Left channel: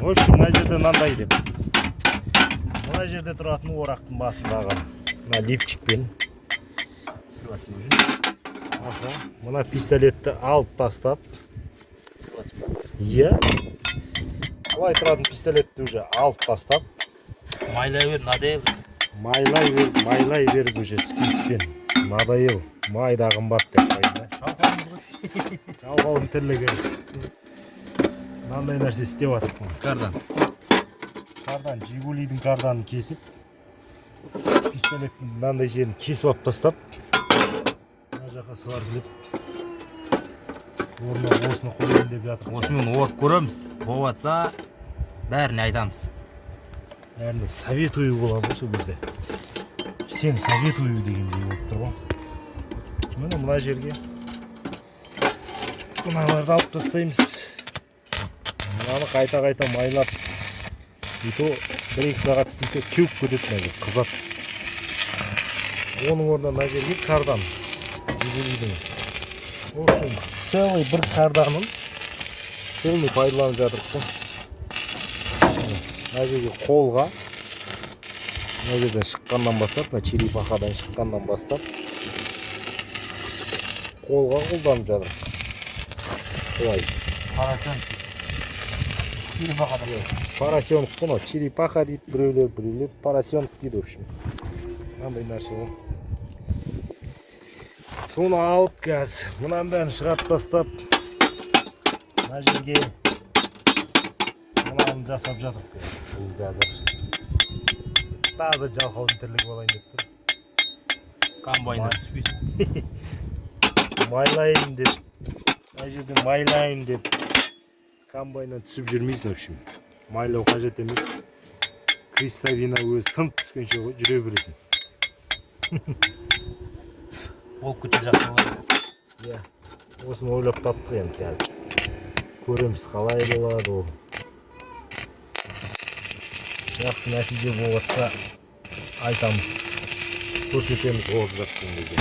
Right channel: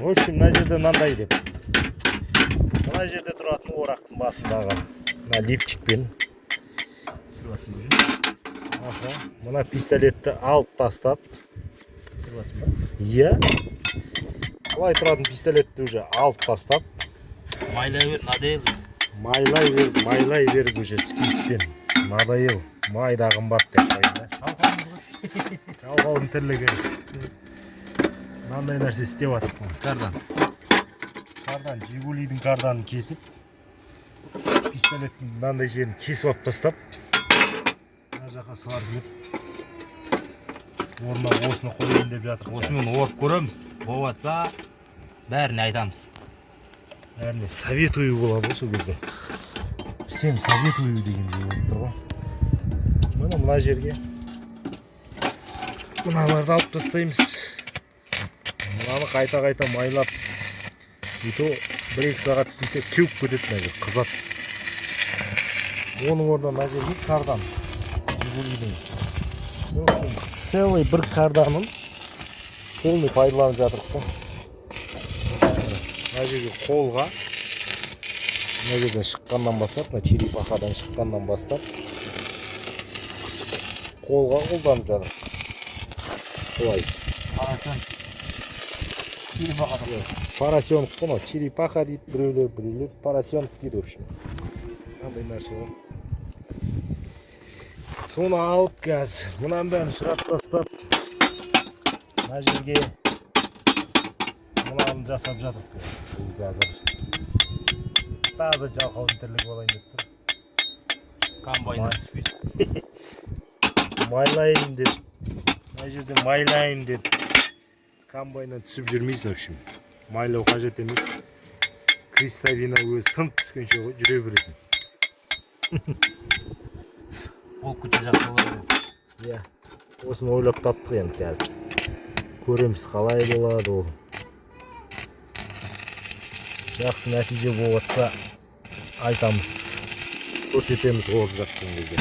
В общем, мына жерде мынандай деп. Мына жерде тұратын орақтың басындағы мына лифчикпен мына пистолетті алып тастап, иә, былай тұратын пистолетті уже алып тастап, майлай беріп уже спичпен. Надоел, майда қымбат деп қойды. Жалғауын тірлігі. Мынандай нәрсе істеп жатыр. Кардан, Жигулидің карданын кесіп, пистолеттің мынандай жерін кесіп алып тастап, мына жаққа сваргілеп, орнына осыны қойайын деп жатыр. Осымен орып көреміз. Болатса, бәріне айтамыз. Бәріне советую болады осы кезде. Сен советую дегендей болып тұр ғой. Міне мына жерге мыналарды алып тастаймыз. Мынаны қайта майлап, и то 1-2 сағат істейсе кеуіп кетеді, мына жер қызады. Оның орнына мына жерге кардан, Жигулидің. В общем, целый бір карданын полный пайдаланып жатырмыз. Мына жерге қолға, мына жерден шыққаннан бастап, мына черепахадан шыққаннан бастап, қолға қолданып жатырмыз. Солай. Поросенок, бұны черепаха дейді, біреулер поросенок дейді, в общем. Мынандай нәрсе ғой. Соны алып қазір, мұнан бәрін шығарып тастап, мына жерге мынаны жасап жатыр. Қазір таза жалқаудың тірлігі болайын деп тұр. Комбайндан түспейді. Майлайын деп, мына жерде майлайын деп, комбайннан түсіп жүрмейді, в общем. Майлау қажет емес. Крестовина өзі сынып түскенше жүре бересің. Ол күте жақсы болады. Иә, осыны ойлап таптық енді қазір. Көреміз қалай болады ол. Жақсы нәтиже болатса айтамыз, көрсетеміз олып жатқан кезде.